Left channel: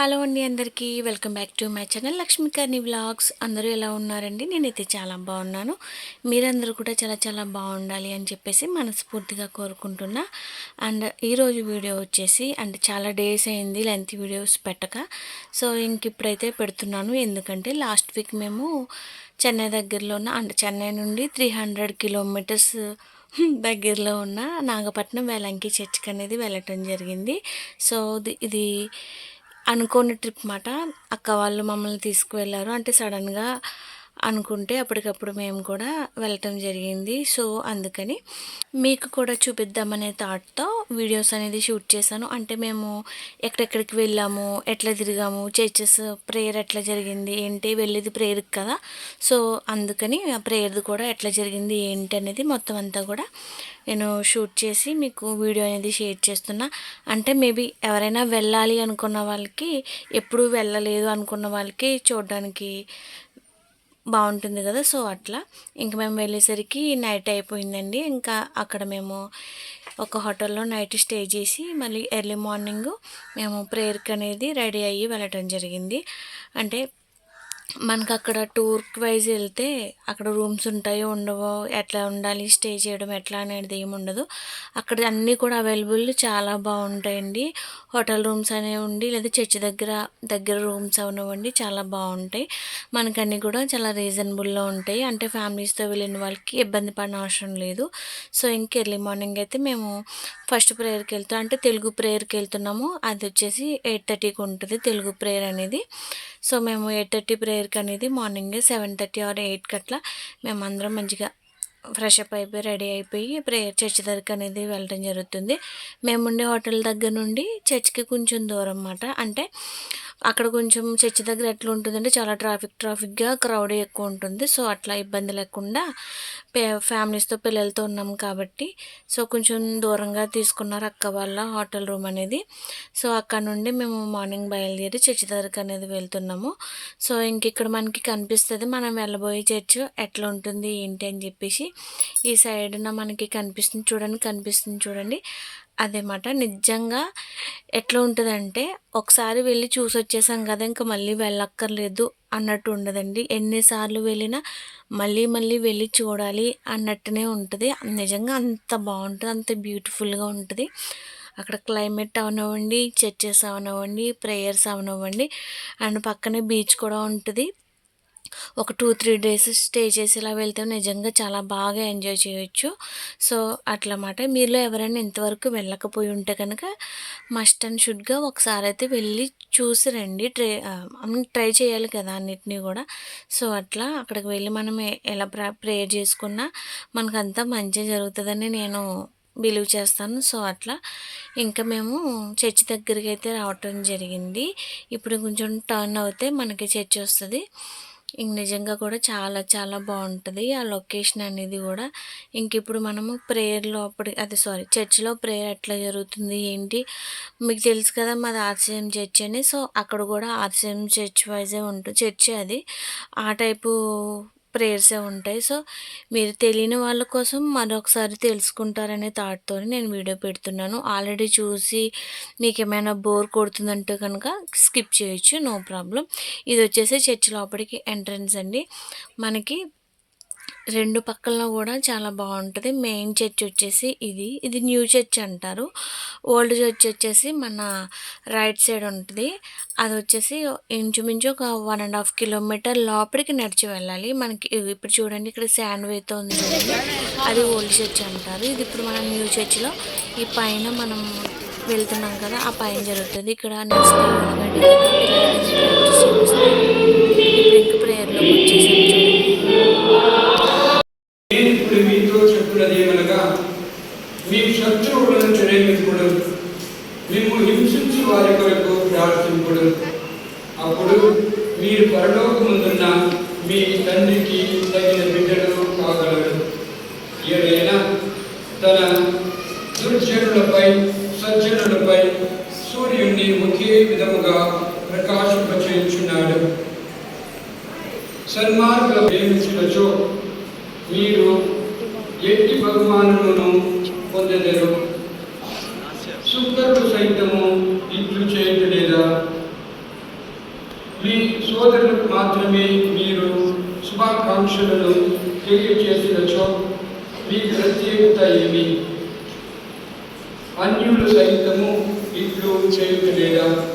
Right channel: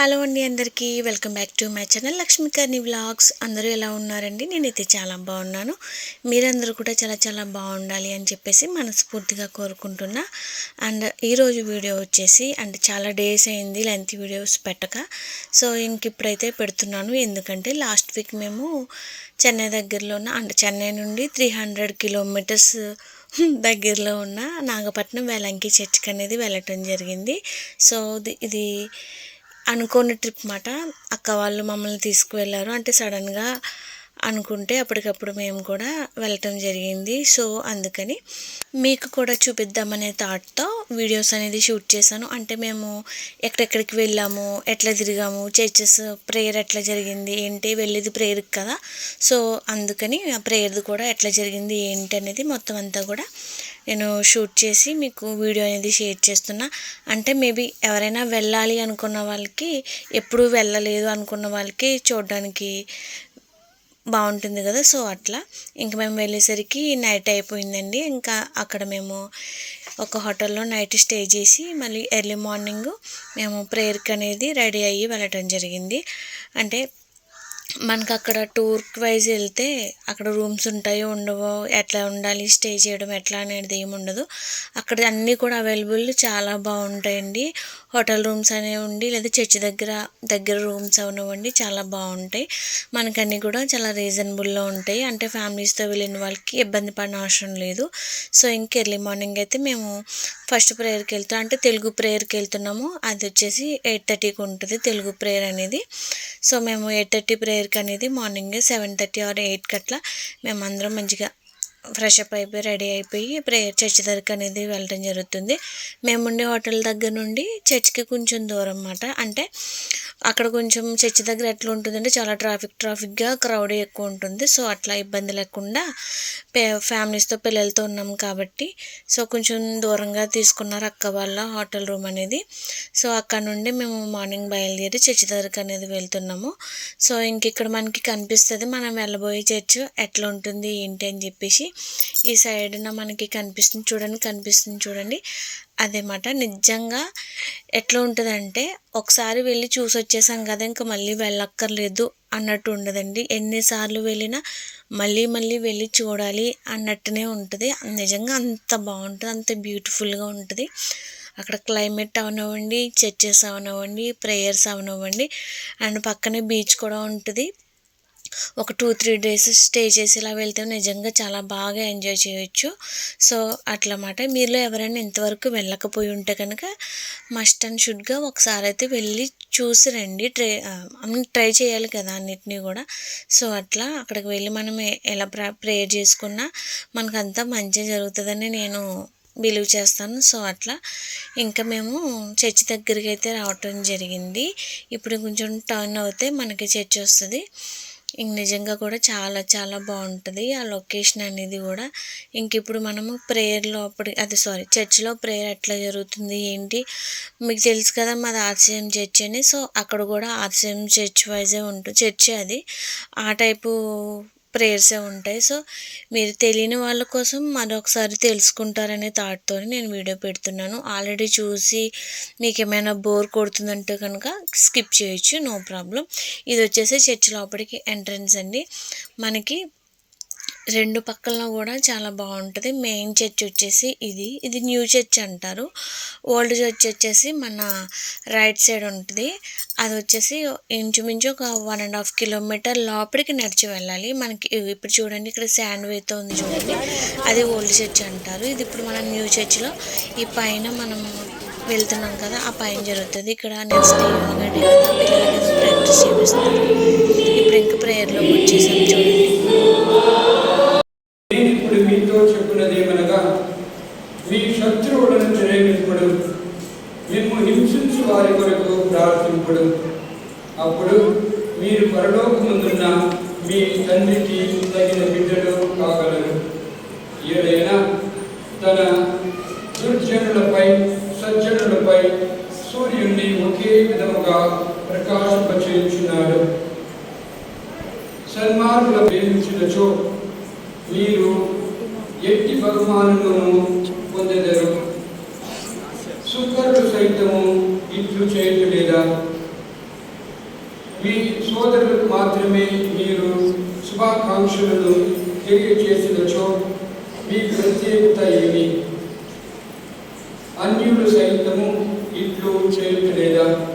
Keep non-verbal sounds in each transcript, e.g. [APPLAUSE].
Hello అండి అందరికీ. Welcome back to my channel Lakshmikarni vlogs. అందరూ ఎలా ఉన్నారండి? నేనైతే చాలా బాగున్నాను. మీరందరూ కూడా చాలా చాలా బాగుండాలి అని చెప్పేసి మనస్ఫూర్తిగా కోరుకుంటున్నా. అండ్ ఈరోజు వీడియో వచ్చేసి అండ్ చాలా డేస్ అయింది లెంత్ వీడియోస్ పెట్టక. సో ఇంక ఇప్పుడైతే పెడుతున్నాను. ఎందుకంటే లాస్ట్ వీక్ మేము చెన్నై దగ్గరలో ఉన్న అండ్ చెన్నై నుండి త్రీ హండ్రెడ్ కిలోమీటర్స్ దగ్గరలో ఉన్న నాగపట్నం వేలంకి చర్చ్కి అనేది వెళ్ళటం జరిగింది. సో ఇది అనుకోని ట్రిప్ మాట. అక్క వాళ్ళు మమ్మల్ని తీసుకువెళ్ళారు. అంటే సడన్గా అనుకుంటే అప్పటికప్పుడు మేము కూడా వెళ్ళటం జరిగింది. సో అందుకని మీకు కూడా చూపిద్దామనే థాట్తో వీడియోస్ అనేది షూట్ చేశాను. అంటే మేము ఎక్కడెక్కడికి వెళ్ళాము ఎట్లా తిరిగాము చర్చెస్ ప్రేయర్ ఎట్లా జరిగింది ఏంటి వెళ్ళేది ప్రేయర్కి కదా. సో అందుకని ఆ ప్రేయర్ది కూడా ఎట్లా జరిగింది ఏంటి అనేది మొత్తం అంతా కూడా నేను షూట్ చేసి మీకు వీడియో అనేది షేర్ చేస్తున్నా. అంటే మేబీ ఎవరైనా వెళ్ళాలి అనుకున్న వాళ్ళకి ఎప్పుడు వెళ్ళలేదు అనుకున్న వాళ్ళకి చూడడానికి బాగుంటుంది కదా. సో అట్లా. ఇంక మేము వెళ్ళేసరికి నైట్ అయిపోయిందండి. ఇంకా అక్కడ మేము ఒక హోటల్లో నైట్ స్టే చేసి మళ్ళీ ఎర్లీ మార్నింగ్ మేము ప్రేయర్కి అనేది రెడీ అయ్యి వెళ్ళటం జరిగింది. అంటే మనకు అక్కడ టూర్ వైజ్ వెళ్తే అక్కడ రూమ్స్ ఉంటాయో ఉండవో ఎట్లా ఉండాలి స్టే చేయడం ఎట్లా అనేది ఏమి ఉండదు. అక్కడ అన్నీ కూడా అవైలబుల్ చాలా బాగుంటాయండి. హోటల్ రూమ్స్ అనేవి ఉండి లేదా చర్చ్ దగ్గర దగ్గర రూమ్స్ అవనివ్వండి చాలా బాగుంటాయి. మనకన్నీ కూడా చాలా రీజనబుల్లో ఉంటాయి. అంటే ఫ్యామిలీస్తో వెళ్ళిన వాళ్ళకి ఇబ్బంది పడిన అవసరం లేదు. సో ఇంక ఎర్లీ మార్నింగ్ అయితే మేము ఫస్ట్ ప్రేయర్కి వెళ్తాం అంటే తెలుగు ప్రేయర్కి వెళ్తున్నాము. అది వచ్చేసి ఎయిట్ థర్టీకి ఉంటుంది తెలుగు ప్రేయర్ అనేది. సో మేము ఎయిట్ థర్టీ ప్రేయర్కి అనేది మార్నింగ్ సెవెన్ థర్టీ ఆర్ ఎయిట్కి అట్లా మేమందరం మంచిగా ఫ్రెష్ అప్ అయిపోయి రెడీ అయిపోయి ప్రేయర్ చర్చ్ దగ్గరికి అనేది వెళ్ళడం జరుగుతుంది. మేముండే హోటల్ దగ్గర నుండి చర్చ్కి కొంచెం దూరం అన్నమాట. అంటే అక్కడ కొంచెం చర్చ్ దగ్గర ఎట్లా ఉంటుందంటే చాలా ట్రాఫిక్ ట్రాఫిక్గా క్రౌడ్ ఎక్కువ ఉంటుంది. సో అట్లా ఇబ్బంది లేకుండా ఫ్యామిలీస్తో పిల్లలతో ఉన్నాం కాబట్టి సో కొంచెం దూరంగా తీసుకున్నారు అక్క వాళ్ళ హోటల్ రూమ్ అనేది. సో అక్కడ నుండి మేము మార్నింగ్ బయలుదేరి చర్చ్ దగ్గరకు అనేది వెళ్తున్నాము. సో ఇంక ఇక్కడ మనకి కనిపిస్తుంది మనం వెళ్ళబోయే చర్చ్ ఎట్లా ఉంటుంది ఏంటి అని చెప్పేసి. ఈ సైడ్న మనకి కనిపిస్తుంది చూడండి కనిపిస్తుంది చూడండి. అదేమాట నిజంగా ఎట్లా ఉంటుందంటే ఒకసారి వెళ్ళి చూసి వచ్చేసాం కదా ఇంకా మళ్ళీ వెళ్ళక్కర్లేదు అన్నట్టు ఉండదండి. ఎన్నిసార్లు వెళ్ళినా మళ్ళీ మళ్ళీ వెళ్ళి చూడాలి అన్నట్టునే ఉంటుంది. నిజంగా అంత బాగుంటుంది అంత బ్యూటిఫుల్గా ఉంటుంది. అక్కడ క్లైమేట్ అవనివ్వండి చర్చెస్ అవనివ్వండి ప్రేయర్స్ అవనివ్వండి అండ్ పక్కనే బీచ్ కూడా ఉంటుంది. ఒక టూ త్రీ డేస్ స్టే చేసి ఇలా వెళ్తే నిజంగా చాలా బాగా ఎంజాయ్ చేయొచ్చు. సో అట్లమాట. మీలో ఎవరైనా ఇంతవరకు వెళ్ళకపోయి ఉంటే కనుక మస్ట్ అండ్ షుడ్గా ఒకసారి అయితే వెళ్ళి చూసి రండి. ట్రై ట్రై చేయాలి కదా అన్నిటినీ కూడా. సో అట్లా అక్కడికి వెళ్ళి మనం ఎలా ప్రేయర్ చేసుకున్నా మనకంతా మంచి జరుగుతుందని నేను బిలీవ్ చేస్తాను. సో అట్లా ఇంకా మేము చర్చి దగ్గరికి అయితే రావటం జరిగింది. ఇప్పుడు కొంచెం టర్న్ అవుతే మనకి చర్చ్ వస్తుంది ఇంక నిజంగా కూడా చాలా చాలా బాగుంటుంది. ఆ లొకేషన్ అనేది కూడా ఇంక ఇప్పుడు మనము ప్రేయర్లో అప్పుడు అది సారీ చర్చ్లో ప్రేయర్ ఎట్లా జరుగుతుంది ఏంటి? మీకు తెలుసు కదా మాది ఆర్సీఎం చర్చ్ అని. సో అక్కడ కూడా ఆర్సీఎం చర్చ్ వైజే ఉంటుంది చర్చే అది. ఆ టైపు ప్రేయర్సే ఉంటాయి. సో మీరు తెలియని వాళ్ళ కోసం మరొకసారి తెలుసుకుంటారనే థాట్తో నేను వీడియో పెడుతున్నాను. ఆల్రెడీ చూసి మీకు ఏమైనా బోర్ కొడుతుందంటే కనుక స్కిప్ చేయొచ్చు నో ప్రాబ్లం. ఇది వచ్చేసి చర్చ్ లోపలికి ఎంట్రన్స్ అండి. మనకి రెండు పక్కల కూడా చాలా బాగుంటుంది. మెయిన్ చర్చ్ వచ్చేసి ఇది. ఇది న్యూ చర్చ్ అంటారు. ఓల్డ్ చర్చ్ వచ్చేసి మన రైట్ సైడ్ ఉంటుంది. అది వచ్చేసి ఇంచుమించు ఒక వన్ అండ్ హాఫ్ కిలోమీటర్ లోపలికి నడిచి వెళ్ళాలి. మనకి ఇప్పుడు చూడండి ఇక్కడ శాండ్ వేతో ఉంది చూడండి. అది ఓల్డ్ చర్చ్ అంటారు. ఇది ఇప్పుడు మన న్యూ చర్చ్లో ఈ పైన మనం వెళ్తున్నాం కదా ఆ పైన జరుగుతుంది. ఇక్కడ నెక్స్ట్ యోగా డే కదా పిల్లలకి ప్రాక్టీస్ చేపిస్తారు. ఇప్పుడు ఇంకా ప్రేయర్లోకి వచ్చేసాం చూడండి. ఇప్పుడు చెప్తున్నది ఏమనగా మీ శత్రువులను ప్రేమికుడు మేము హింసించి వారి కొరకు ప్రార్థింపుడు. అప్పుడు మీరు పరలోకముందున్న మీ తండ్రికి తగిన బిడ్డ మీ ప్రత్యేకత ఏమి? అన్యులు సైతము ఇట్లు చేయుట లేదా?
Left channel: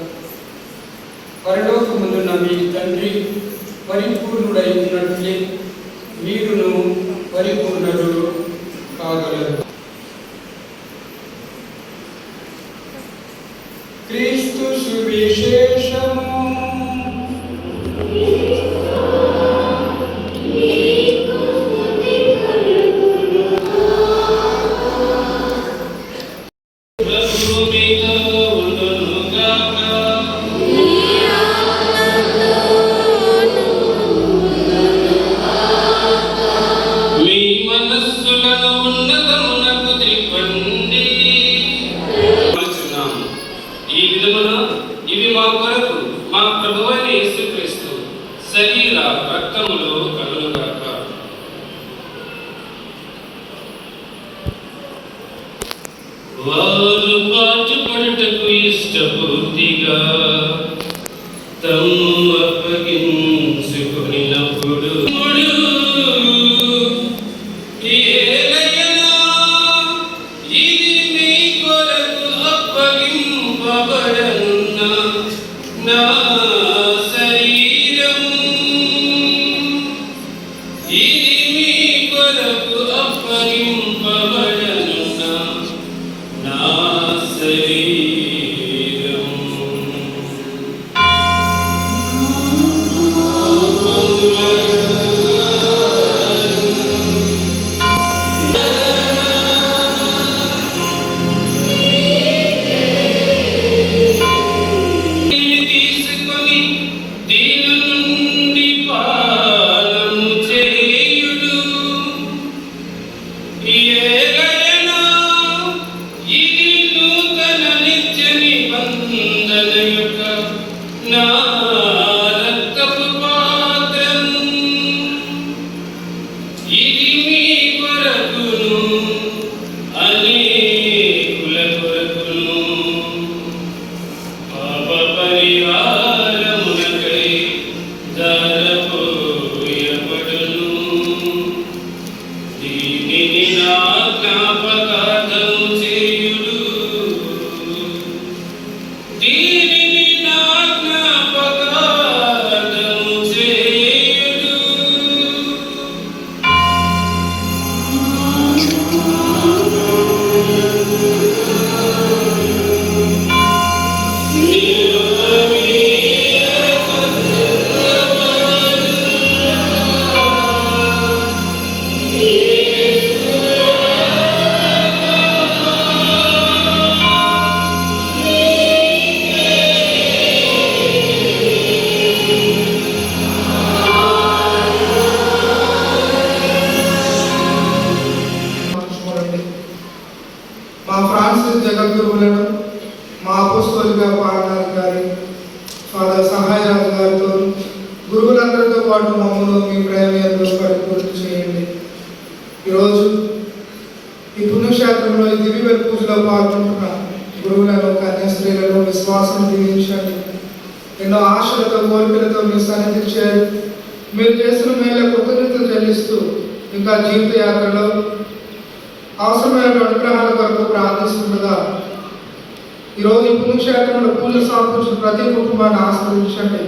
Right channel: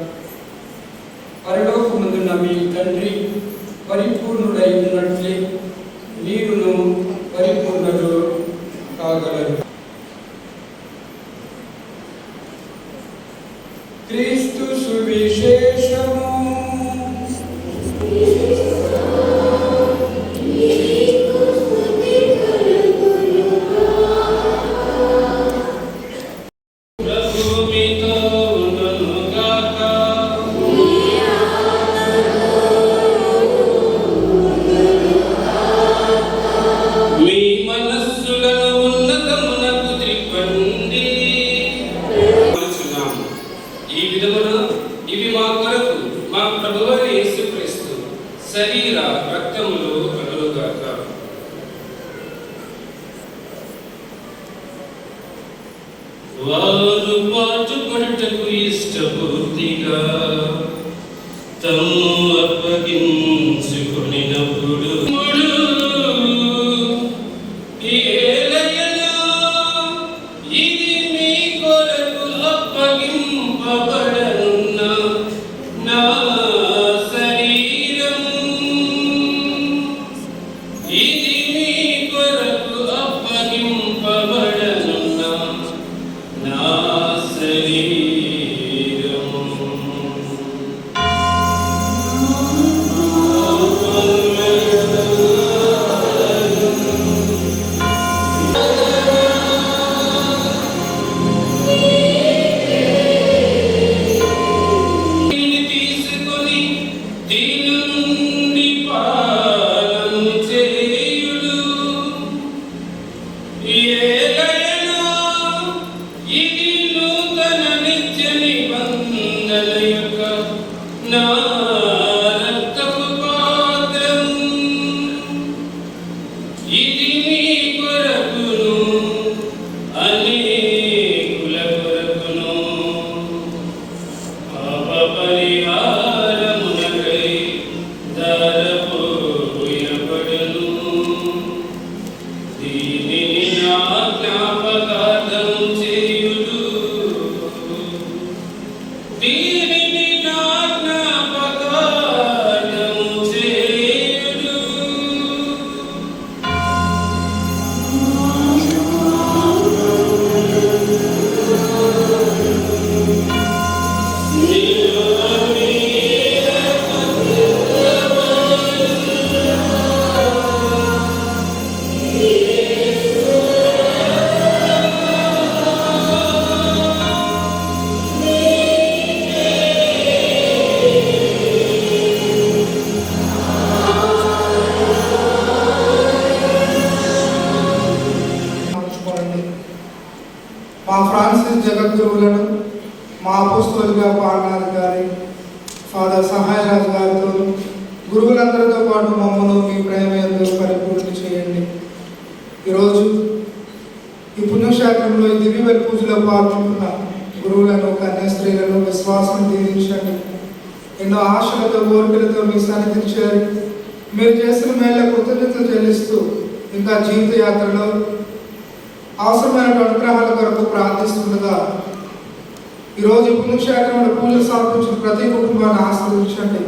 దీక్ష కట్టుకున్న పూజలు సమర్పించిన ప్రతి కుటుంబాన్ని ఆశ్రయించండి.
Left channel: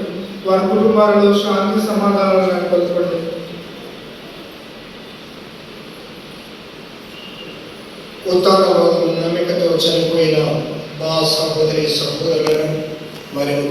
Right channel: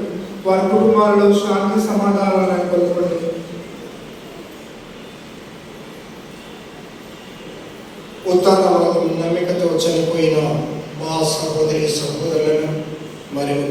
వారి కుటుంబాలలో శాంతి సమాధానం నెలకొల్పండి. నమ్మికతో చనిపోయిన మా సహోదరి సహోదరులను మరియు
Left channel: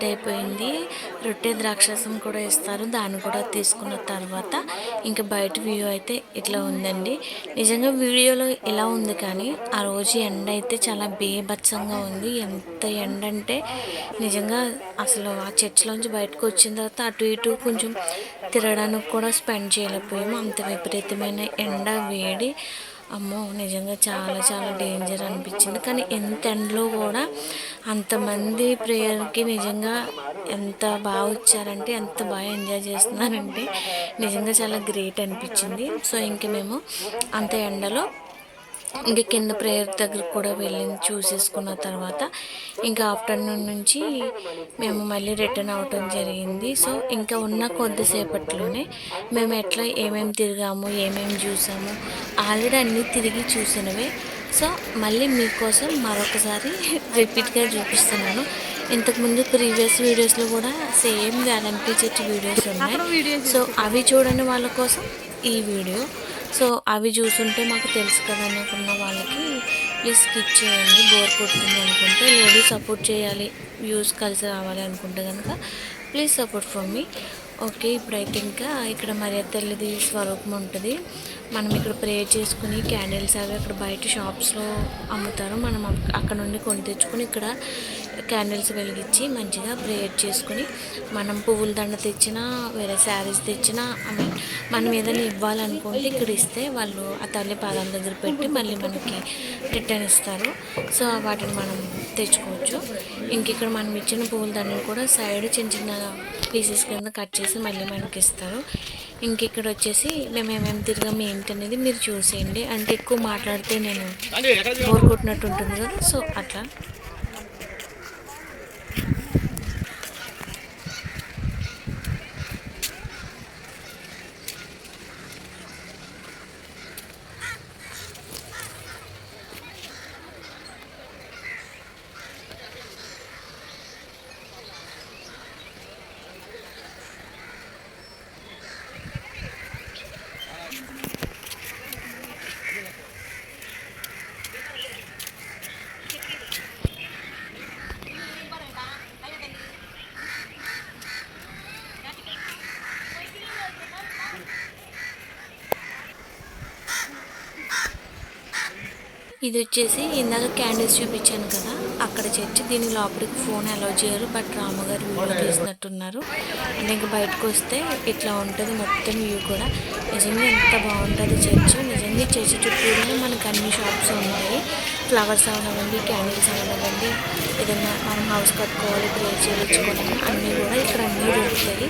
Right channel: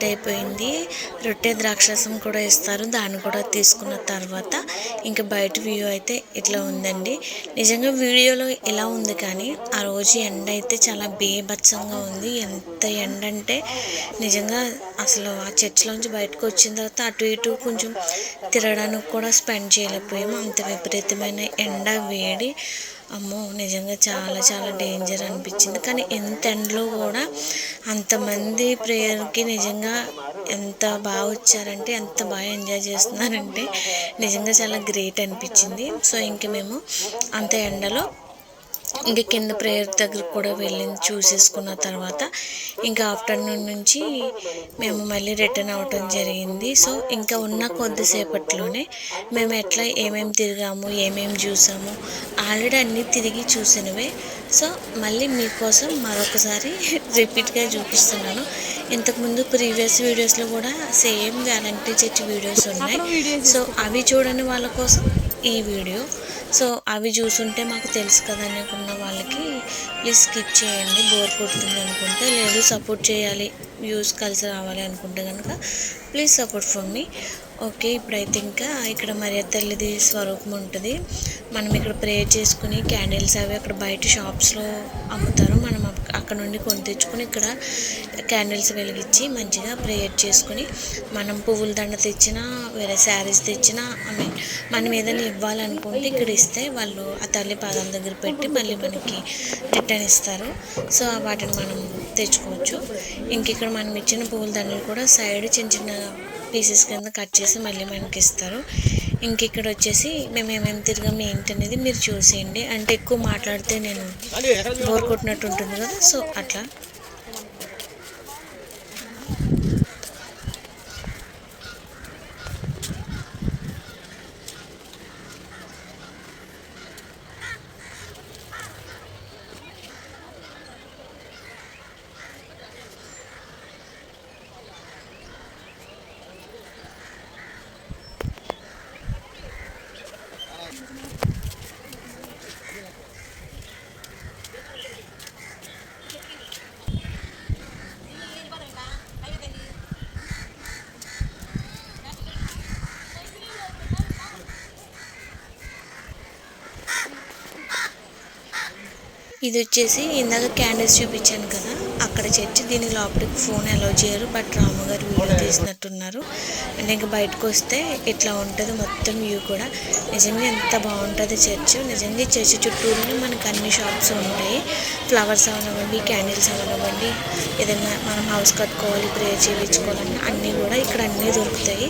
అంతా అయిపోయింది. రొట్టె ద్రాక్షరసం కూడా ఇస్తారు. దాన్ని కూడా తీసుకున్న తర్వాత ఇంకా బయట వ్యూ అయితే ఇట్లా ఉందండి. నిజంగా వీడియోలో ఇలా ఉంది కానీ ఆ రోజు ఎండ అయితే చాలా బేభత్సంగా ఉంది. ఎంత ఎండ అంటే నిజంగా అసలు ఆ చర్చిలోంచి బయటకు వచ్చిన తర్వాత అటు ఇటు కొంచెం తిరగడానికి కూడా స్పెండ్ చేయలేకపోయాము. అంత విపరీతమైన ఎండ వేడి అమ్మో నిజంగా చాలా చాలా డేంజర్ అనిపించింది. కానీ ఎంత ఎండలో కూడా అంతమంది ప్రేయర్కి నిజంగా ఎంత బాగా వచ్చారంటే ఎంత బాగా ఎంజాయ్ చేస్తున్నారంటే నిజంగా చాలా గ్రేట్ అనిపించింది. సో ఇంక మేము అంత ఎండలో ఇంక కింద ప్రేయర్ దగ్గర కూడా వెళ్ళి చూసేసుకున్న తర్వాత ఇంకా ఆఫ్టర్నూన్ నుంచి మేము మళ్ళీ రిటర్న్ అవ్వటం జరిగింది. సో ఇంకా ఉన్న కొద్దిసేపట్లోనే మేము ఎట్లా ఏమేమి తిరిగాము ఏమేమి చూసాము ఆల్రెడీ అన్నీ తిరిగి చూసినవే. సో మళ్ళీ మీకోసం మరొకసారి [LAUGHS] రిపీట్గా చూపిస్తున్నాను. ఇంతకుముందు ప్రీవియస్ వీడియోస్లో కూడా సేమ్ గ్యారంటీ చెట్టు వీడియోస్ ఉన్నాయి. సో అవి చూడని వాళ్ళ కోసం ఈ వీడియో. సో అవి చూసుంటే మాకు తెలుసు కదా అనుకున్న వాళ్ళకి ప్లీజ్ స్కిప్ చేయండి బోర్ కొడుతుంది అనుకుంటే లేదు సపోర్ట్ చేయాలి వ్యూస్ కలిసి రావాలి అనుకుంటే కనుక please support for me. Okay ఇప్పుడైతే ఇంకా ఇక్కడ మర్యాద తల్లిది స్వరూపం ఉంటుంది. మనం ఇక్కడ ప్రేయర్ చేసుకుని క్యాండిల్స్ అవి అక్కడ బయట షాప్స్లో అమ్ముతారు. మనం అక్కడ నుండి కొని తెచ్చుకొని ఇక్కడ క్యాండిల్స్ వెలిగించి మంచిగా ప్రేయర్ చేసుకుని మనం పువ్వుల దండ తెచ్చినా వేరే శారీస్ తెచ్చినా ఐ మీన్ మనం ఏదైనా ఇవ్వాలనుకుంటే ఇక్కడ ఇస్తే వాళ్ళు ఆ తల్లి పాదాల దగ్గర పెట్టి మళ్ళీ మనకి రిటర్న్ ఇస్తారు. సో వాటిని మనం తెచ్చుకోవచ్చు. ఇంక ఇక్కడ మనం ఇచ్చిన పువ్వుల దండలు కూడా సైడ్ చిన్న చిన్న పీసెస్ కింద కట్ చేసి మళ్ళీ మనకి ఇస్తారు ఇంక ఇక్కడ వచ్చేసి మేము ఏమేమి తిరగం ఏంటి అనేది మీరు చూసేయండి. అంటే ఎక్కువ మాట్లాడితే నేను బోర్ కొట్టినట్టు ఉంటుంది కదా సో అట్లా. ఇది వచ్చేసి ఇందాక క్యాండిల్స్ చూపించాను కదా అక్కడ చర్చి దీని లోపలికి ఫోన్ అలౌ చేయరు బట్ రాముగారు వీడియో తీసినట్టున్నారు. అండ్ ఇంకా బయటకు వస్తే ఇట్లా ఉంటుంది మొత్తం వ్యూ కూడా. నిజంగా ఎంత బాగుంటుంది చర్చ్. నిజంగా చర్చి చర్చ్ చుట్టూనే మనకు అన్ని షాప్స్ ఉంటాయి. ఫ్లవర్స్ అవనివ్వండి క్యాండిల్స్ అవనివ్వండి ఏదైనా మనం హౌస్ కట్టుకోవాలి ప్రేయర్ చేయించుకోవాలన్నా అన్నీ కూడా ఇక్కడ అన్నీ దొరుకుతాయి.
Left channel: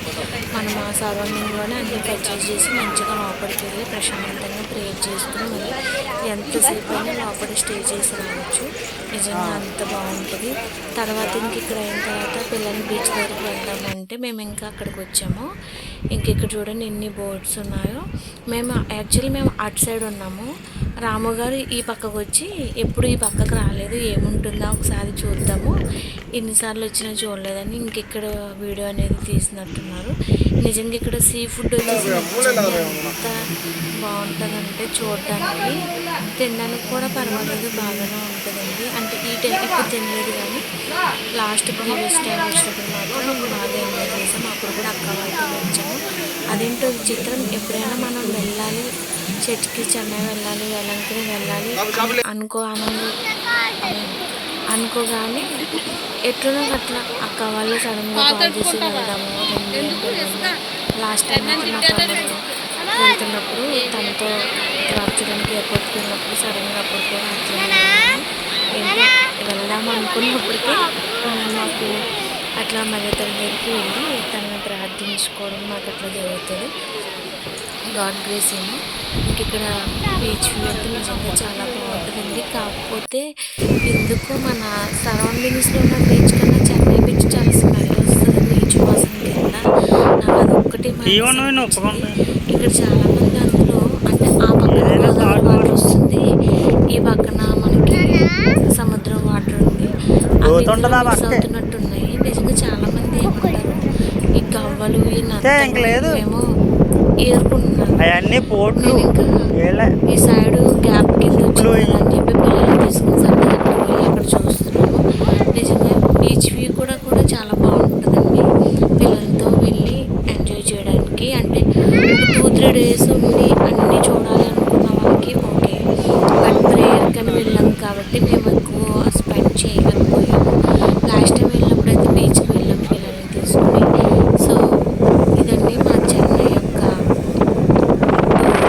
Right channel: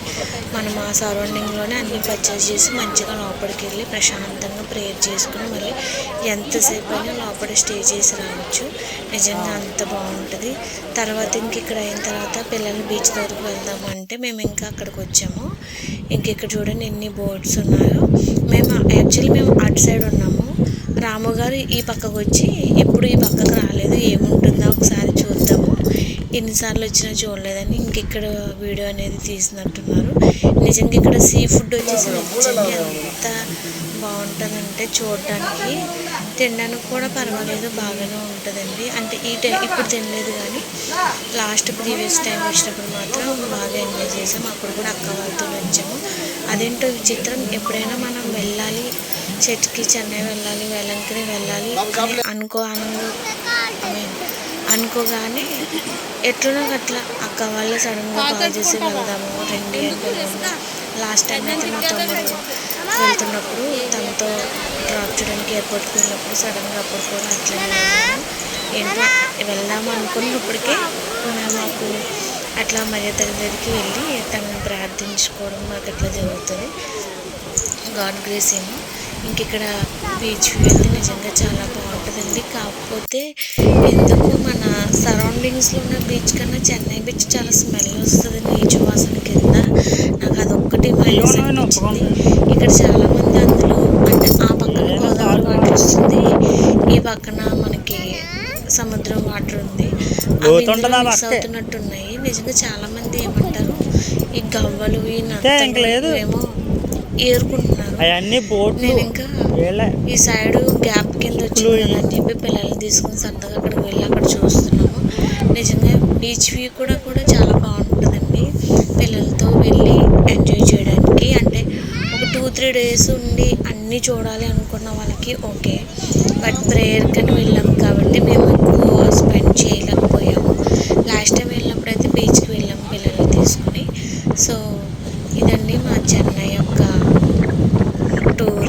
మనం ఆ సరౌండింగ్లోనే అన్నీ పర్చేస్ చేసి మంచిగా లోపలికి వెళ్ళి ప్రశాంతంగా ప్రేయర్ చేసుకుని మళ్ళీ ఎంతసేపు అయినా లోపల స్టే చేసి రావచ్చు. నిజంగా అంత బాగుంటుంది. తర్వాత ఇంక ఇక్కడ అయిన తర్వాత పిల్లల్ని బీచ్ దగ్గరికి వెళ్దాము అంటే మేము ఇంకా అక్కడికి వచ్చాము. ఇంక ఇక్కడ చూడండి ఎన్ని బోట్స్ ఉన్నాయో. మేము యాక్చువల్లీ మేము అటు సైడ్ ఉన్నాము. రాము గారు ఈ పక్కకు వచ్చి ఎప్పుడు ఈ పక్కకు రాలేదు ఏముంటుందో ఒకసారి చూద్దాము. ఎన్నిసార్లు వచ్చినా చూడలేదని ఇంక ఇక్కడ వీడియో అనేది తీసినట్టున్నారు. నిజంగా ఇక్కడ సీ ఫుడ్ వచ్చేసి నిజంగా ఎంత బాగుంటుందంటే చూడడానికి తినడానికి కూడా పర్వాలేదు బాగానే ఉంటుందండి. అంటే ఈ టైం ఇప్పుడు తినలేదు కానీ లాస్ట్ ప్రీవియస్ టైం వచ్చినప్పుడు మాత్రం బాగా ఎంజాయ్ చేసాం. అప్పుడు కూడా అక్క వాళ్ళతో వచ్చాము. అదేంటో విచిత్రం ఎప్పుడైనా మనం వెళ్ళాలి చెట్కి చెన్నై వెళ్ళాలి వెలంకని వెళ్ళాలి అనుకో ఆనందం అనుకోగానే ఎట్లనో అట్లా అక్క వాళ్ళు సడన్గా కాల్ చేసి వెళ్దాము రండి లాస్ట్ టైం అయితే మా తమ్ముడు వెళ్తున్నప్పుడు తనతో డ్రాప్ చేయడానికి ఎయిర్పోర్ట్కి వెళ్ళినప్పుడు సడన్గా అప్పుడు కూడా అట్లనే వెళ్ళాము ఏంటో వెళ్దాం అనుకున్నప్పటికే మాకు అట్లా మర్యాద దగ్గరికి వెళ్ళి తనని ప్రార్థించుకోవడం మాకు అట్లా జరుగుతుంది. గాడ్ గ్రేస్ ఏమో. ఇంక ఇక్కడ బీచ్ వెళ్తే నిజంగా చాలా బాగుంటుందండి. కాకపోతే ఎందుకు మన సరౌండింగ్స్లో ఉన్న బీచ్ కన్నా చెన్నై బీచ్ చాలా స్మెల్ వస్తుంది నీచు వాసన కింద. నాకు అదొక్కటి. ఇక్కడ చాలా మంది అందులో అంటే ఆ పక్కన గోదావరి వాటర్ వస్తుంది. ఈ పక్కన మనకి సముద్రం వాటర్ ఉంది. అవి ఇందులో మిక్స్ అవుతున్నట్టున్నాయి. నిజంగా చాలా మంది ఏమంటారు ఈ గవ్వలు ఈ నత్తలు ఏమో నేను ఇంకా ఈ సైడ్ గ్యాప్ కింద వచ్చింది కదా అని చెప్పి పిల్లల్ని తీసుకుని సరదాగా వెళ్ళి అక్కడ చూస్తున్నాము. నిజంగా బీచ్ వ్యూ కూడా కూడా చాలా బాగుంటుందండి పిల్లలతో వెళ్ళి ఎంజాయ్ వాళ్ళకి అంటే ఒక టూ త్రీ డేస్ ఉండి అన్నీ చూడాలి అనుకున్న వాళ్ళకి ఓకే. బట్ ప్రేయర్కి అని వెళ్ళాం కాబట్టి మేము ఎక్కువ స్పెండ్ చేయలేము లాస్ట్ టైం వెళ్ళినప్పుడు అయితే బీచ్కి వెళ్ళాం పిల్లల్ని తీసుకుని సో ఇదండి మా చెన్నై యొక్క టూర్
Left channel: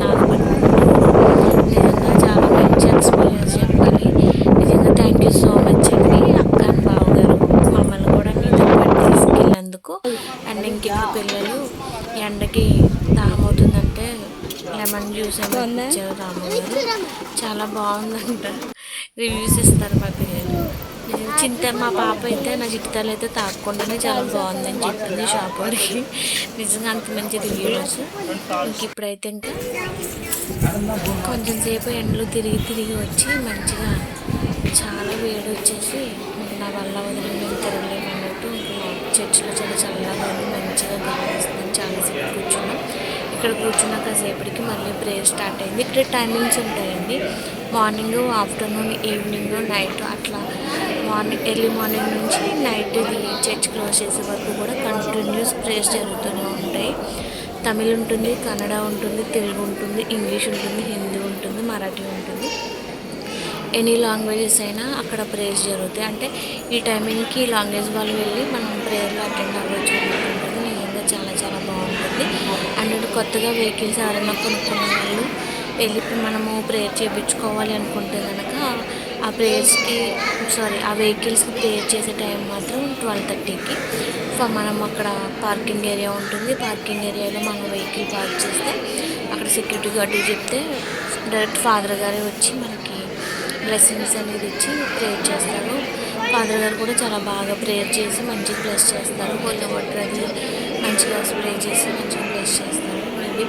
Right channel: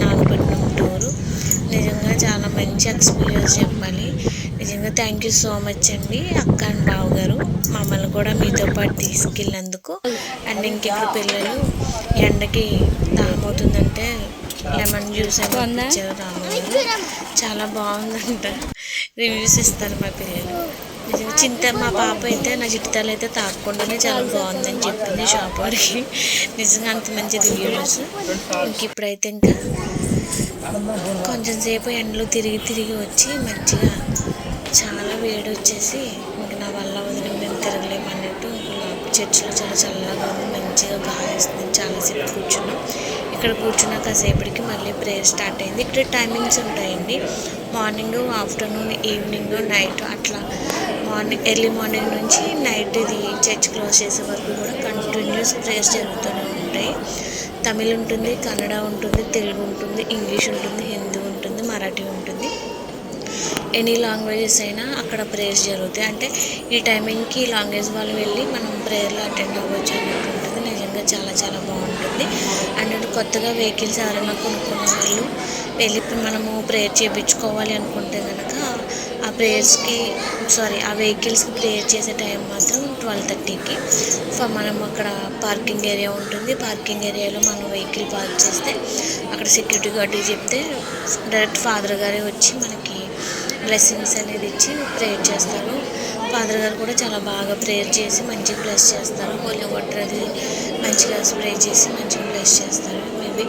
నాగపట్నం టూర్ నిజంగా చాలా మంచి ఎక్స్పీరియన్స్ చెప్పాలి నిజంగా థ్యాంక్ యూ సో మచ్ అండి అక్క అండ్ బావ గారు మమ్మల్ని కూడా మీతో పాటు తీసుకెళ్ళినందుకు అండ్ ఇంకెక్కడ పిల్లలు ఎండకి దాహం అవుతుందంటే లెమన్ జ్యూస్ ఏమో ఇచ్చారు రాము గారు చాలా బాగుందంట. రివ్యూస్ ఇస్తారు మా పిల్లలు. చింత మా పాప అయితే నా చిట్టాలు అయితే తాగకుండానే చాలా బాగుందని చెప్పింది షాప్ వాడికి. నిజంగా అంత మంచి రివ్యూస్ ఇంక ఇప్పుడైతే ఇంకా కొంచెం సేపు ఎండలో తిరిగి తిరిగి వచ్చి మంచిగా చాలా వేడి వచ్చేసి నా వల్ల వదిలి మేము తిరగలేము అన్నట్టు ఇంకా చర్చిలో చాలా చల్లగా ఉంది మంచిగా గాలి వస్తుంది చాలాసేపు కూర్చున్నాం. ఇక్కడ కూర్చున్న కాసేపటికి మళ్ళీ ప్రేయర్ స్టార్ట్ అయింది. ఇక్కడ టైమింగ్స్ ఉంటాయండి. మార్నింగ్ ఆఫ్టర్నూన్ ఈవినింగ్ నైట్ అట్లా. మార్నింగ్ ఎర్లీ మార్నింగ్ నుంచి నైట్ ఇది చర్చ్ క్లోజ్ చేసే వరకు కూడా కంటిన్యూస్ ప్రేయర్స్ జరుగుతూనే ఉంటాయి. తమిళ్ ఉంటుంది కన్నడ ఉంటుంది తెలుగు ఉంటుంది ఇంగ్లీష్ ఉంటుంది హిందీ ఉంటుంది మరాఠీ ఉంటుంది. ఎనీ లాంగ్వేజెస్ అయినా అక్కడ ప్రేయర్స్ జరుగుతాయి. అంటే ఈ టైమింగ్కి లాంగ్వేజ్ వాళ్ళు వెళ్ళి మనం ప్రేయర్లో అటెండ్ అవ్వచ్చు అన్నట్టు. చాలా చాలా బాగుంటుంది. అండ్ కొత్తగా వెహికల్స్ ఎవరైనా కొనుక్కున్న వాళ్ళు వెళ్ళి మనము ప్రేయర్ చేయించుకోవాలి అనుకుంటే కనుక ఆ ప్రేయర్స్కి సారీ ఆ వెహికల్స్కి ప్రేయర్ చేసే టైం మాత్రం ట్వెల్వ్ థర్టీకి. సో మనం అక్కడ పార్కింగ్ ఏరియా ఉంటుంది. పార్కింగ్ ఏరియాలో మనం వెహికల్ పార్క్ చేస్తే అక్కడ సెక్యూరిటీ గార్డ్ చెప్తే డైరెక్ట్ ఫాదర్ గారే వచ్చి మనకి బ్లెస్సింగ్స్ అనేది ఇచ్చి ప్రేయర్ చేస్తారు. ఫాదర్ గారు కూడా చాలా బాగా ప్రేయర్ చేసి మంచి బ్లెస్ చేస్తారు. కొంచెం వాటర్ అది మంచిగా స్ప్రే చేసి మంచిగా బ్లెస్ చేస్తారు. మేబీ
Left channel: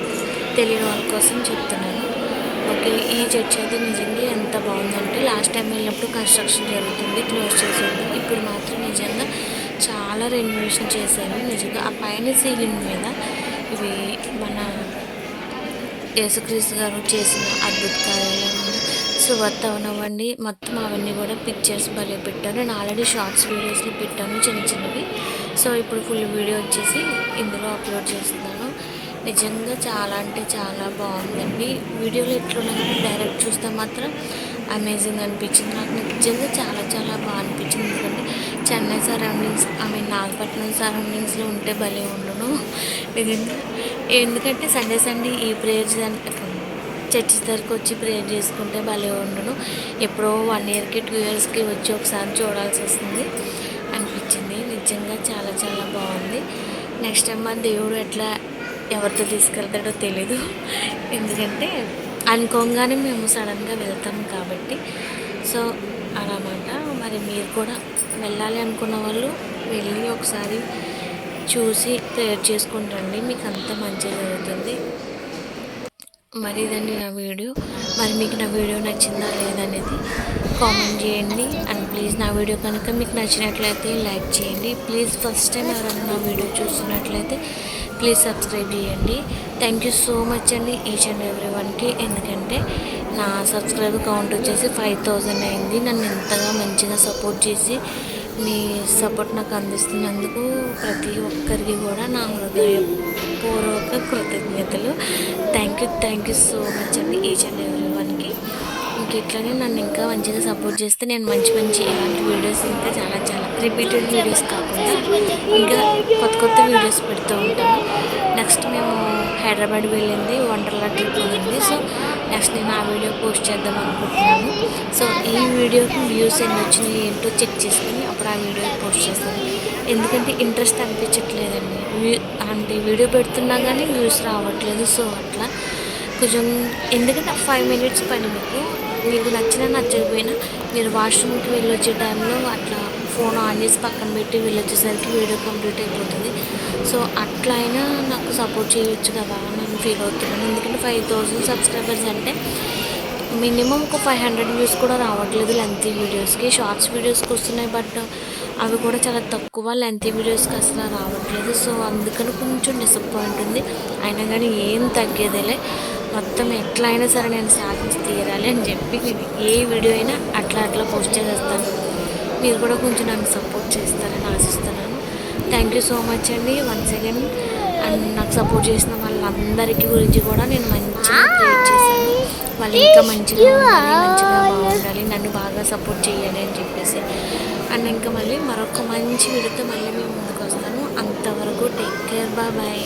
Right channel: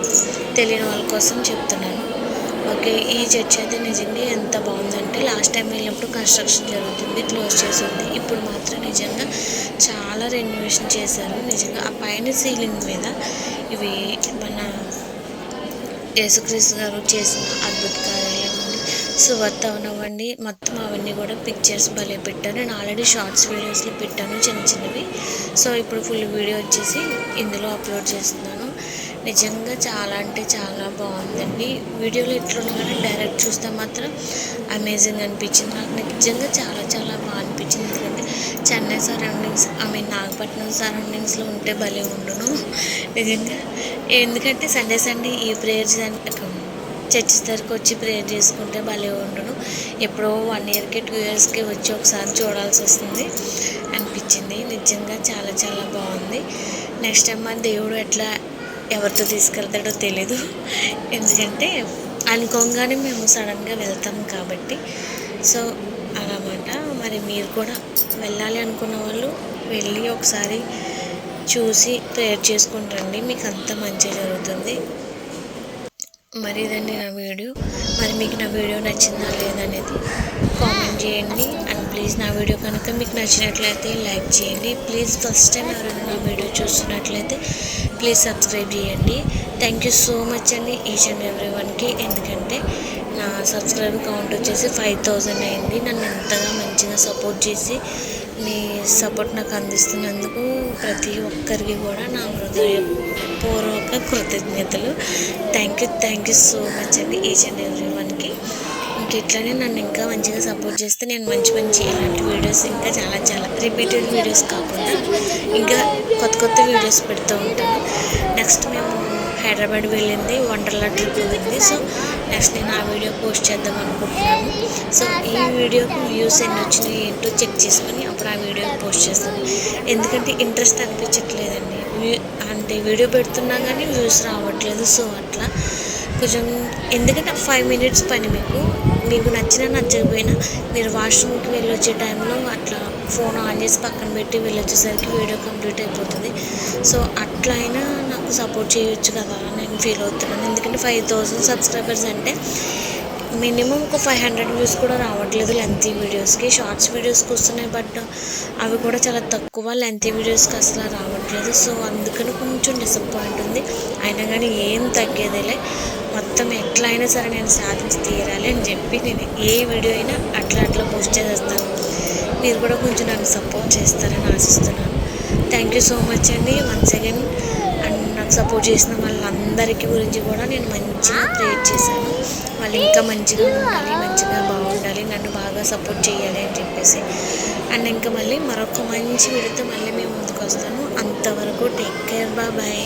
తెలియని వాళ్ళ కోసం చెప్తున్నాను. ఓకే ఈ చర్చ్ అయితే నిజంగా ఎంత బాగుందంటే లాస్ట్ టైం వెళ్ళినప్పుడు కన్స్ట్రక్షన్ జరుగుతుంది క్లోజ్ చేసి ఉంది. ఇప్పుడు మాత్రం నిజంగా చాలా రెన్యువేషన్ చేశారు. నిజంగా ఆ పైన సీలింగ్ మీద ఇవి మన యేసుక్రీస్తు గారు చేసిన అద్భుత కార్యాలు సువార్త అవనివ్వండి. మొత్తం అవన్నీ కూడా పిక్చర్స్ భలే పెట్టాను నేను ఆల్రెడీ షార్ట్స్ వీడియోస్లో పెట్టాను చిన్న చిన్నవి. సో ఇప్పుడు ఫుల్ వీడియో వచ్చేసి ఇందులో అప్లోడ్ చేస్తున్నాను. నిజంగా చాలా అంటే చాలా బాగుందండి. వీడియోలో ఎట్లున్నా కానీ డైరెక్ట్ చూస్తే మాత్రం అమేజింగ్ అనిపించింది. నాకు నిజంగా చాలా చాలా బాగా అనిపించింది. ఎందుకంటే Chennai surroundings I mean Nagapattinam సరౌండింగ్స్లో ఉంటే భలే ఉండును. నిజంగా ఎందుకంటే సండే సండే ఈ ప్రేయర్స్ చర్చ్ దగ్గరకు వచ్చి ప్రేయర్ చేసుకుంటే భలే ఉండును. ఎప్పుడో వన్ ఇయర్కి టూ ఇయర్స్కి వచ్చి ఒకసారి చూడాల్సి వస్తుంది. అనిపించింది. నిజంగా చాలా చాలా బాగుంది. నెక్స్ట్ టైం మా దేవుడు ఎట్లా ఎవరితో తీసుకెళ్తాడో తెలీదు. ఎందుకంటే అనుకోగానే మేము సడన్గా వెళ్తాం కాబట్టి. సో అలామాట. మరి మీరు కూడా వెళ్ళాలి అనుకున్న వాళ్ళు వెళ్ళి ఒకసారి చూసి ప్రేయర్ చేసుకుంటారండి మీకు అంత మంచి జరుగుతుంది. మరి ఇదండి నా వీడియో. మరి మీకు నా వీడియో నచ్చిందా లేదనేది కామెంట్ చేయండి. ప్లీజ్ నా వీడియో కనుక మీకు నచ్చినట్లయితే లైక్ చేయండి. ప్లీజ్ ఫస్ట్ టైం ఎవరైనా నా వీడియో చూస్తున్నట్లయితే ప్లీజ్ సబ్స్క్రైబ్ చేయండి. థ్యాంక్ యూ సో మచ్ అండి ఈచ్ అండ్ ఎవ్రీ వన్కి ఎందుకంటే నా సబ్స్క్రైబర్ కౌంట్ వచ్చేసి ఫైవ్ థౌజండ్ అయింది. నన్ను ఎంతగా మంచిగా సపోర్ట్ చేసి మీ సపోర్ట్ నాకు అందిస్తున్నందుకు ప్రతి ఒక్కరికి కూడా నా హృదయపూర్వక కృతజ్ఞతలు. Thank you thank you so much అండి ఈచ్ అండ్ ఎవ్రీ వన్కి ఇంక ఇట్లానే నన్ను ఇంకా మంచిగా సపోర్ట్ చేస్తే నేను మంచి మంచి ఇలాంటి వీడియోస్ ఇంకా చాలా చాలా రిపీటెడ్ వీడియోస్ కాకుండా ఇంకా కొత్త కొత్త వీడియోస్ పెడుతూ ఉంటాను. నెక్స్ట్ మేము హైదరాబాద్ వెళ్ళింది వండర్లా ట్రిప్ ఉంది సో నెక్స్ట్ నేను ఆ వీడియో పోస్ట్ చేద్దాం అనుకుంటున్నాను. సో ఈ వీడియోకి వ్యూస్ ఎన్ని వచ్చినాయి ఏంటో చెక్ చేసుకొని అప్పుడు ఆ వీడియో పోస్ట్ చేస్తాను. ఎందుకంటే ఇంట్రెస్ట్ అనిపించట్లేదండి. అంటే వీడియో పెడుతున్నా కానీ వ్యూస్ రావట్లేదు. సో అట్లా కొంచెం ఎందుకంటే ఫైవ్ మినిట్స్ పని మీకు. మీకు నచ్చినా నచ్చకపోయినా మీరు వాష్రూమ్కి వెళ్ళి వచ్చే టైంలో అట్లా ఫోన్ ఆన్ చేసి పక్కన పెట్టి వెళ్ళొచ్చేసరికి వీడియో కంప్లీట్ అయిపోతుంది. సో అట్లా అయినా నాకు సపోర్ట్ చేయొచ్చు కదా నేను ఫీల్ అవుతున్నాను. ఎందుకంటే ఫైవ్ థౌజండ్ సబ్స్క్రైబర్స్ అంటే మినిమం ఒక ఫైవ్ హండ్రెడ్ వ్యూస్ కూడా రావట్లేదు లెంతీ వీడియోస్కి షార్ట్స్ వీడియోస్కి వస్తున్నాయి బట్ అవి కూడా చాలా తక్కువ లెంతీ వీడియోస్కి అసలు రావట్లేదు. సో అందుకని కొంచెం డిసప్పాయింట్ ఉంది. అయినా కానీ ఏం తగ్గేదిలే. మొత్తం ఎట్లా అయినా సరే నేను సాధించి తీరాలి అని చెప్పి నేను ఏ వీడియో అయినా అట్లా అట్లా పోస్ట్ చేసేస్తాను. మీరు కూడా కొంచెం నన్ను సపోర్ట్ చేస్తారని ఆశిస్తున్నాను. థ్యాంక్ యూ సో మచ్ అండి. వన్స్ అగైన్ అండ్ నాకు సపోర్ట్ చేసిన వాళ్ళందరికీ గురించి కూడా నేను మంచిగా ప్రేర్ చేశాను. వాళ్ళు ఇంకా మంచిగా ఉండాలి మంచిగా బాగుండాలి నన్ను బాగా సపోర్ట్ చేయాలి అని చెప్పేసి. అండ్ ఇంకా మళ్ళీ మరొక మంచి వీడియోతో మళ్ళీ మేము ముందుకు వస్తాను. అంతవరకు టేక్ కేర్ బాయ్